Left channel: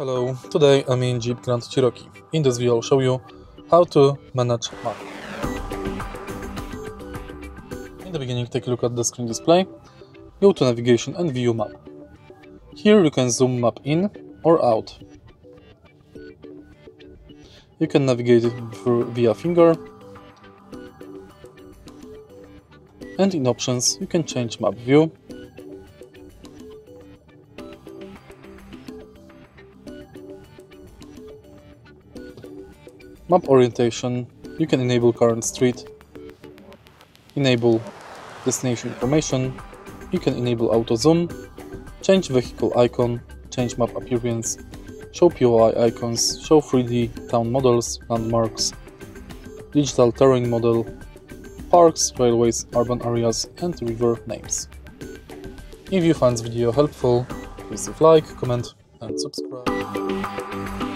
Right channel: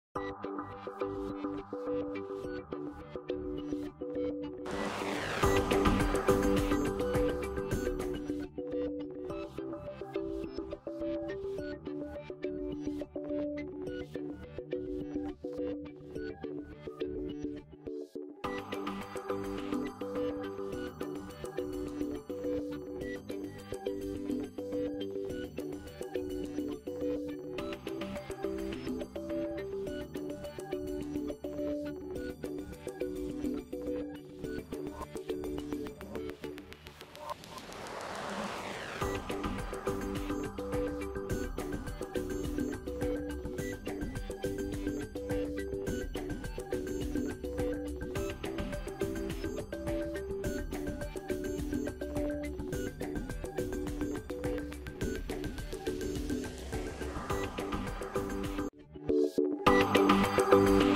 Hello, today I'm in JEEP Grand Cherokee. In this video I'll show you how to manage map. In the beginning, take a look at the screen display, go to navigation and view map. Here you can zoom map in or out. You can navigate it via finger, and in options you can change map view, map orientation. You can enable current street, enable destination information, you can enable auto zoom, change vehicle icon, change map appearance, show POI icons, show 3D town models, landmarks, digital terrain model, parks, railways, urban areas and river names. If you find this video helpful, please leave like, comment and subscribe.